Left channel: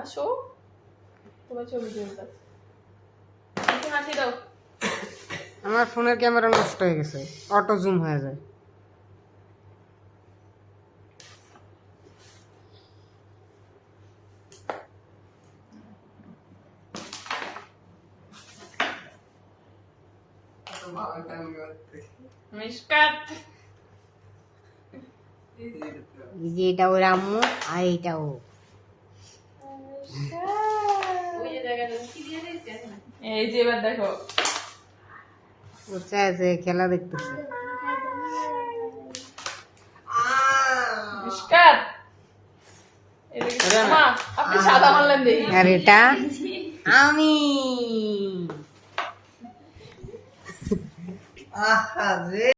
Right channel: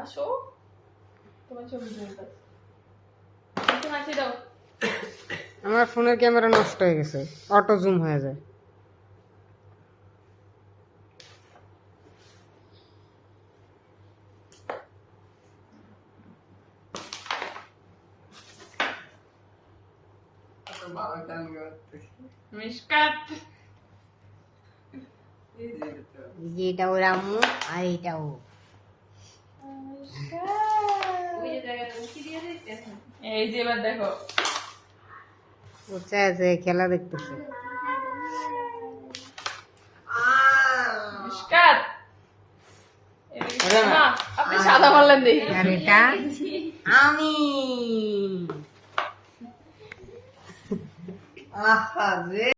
আসো তোমার ছবি তুলতে হাসি দাও। আমার ফোনের ক্যামেরা নষ্ট হয়ে গেছে, অটো জুম হয়ে যায়। মিশকাত এই যে এটা ওর আম্মু আর এটা ও। এই যে এবার দেখো ও চায় যে খেলা দেখতেছে। মিশকাত মা আপনি সাদা মারলেন দেখি। আর এটা আমি। আহা রে।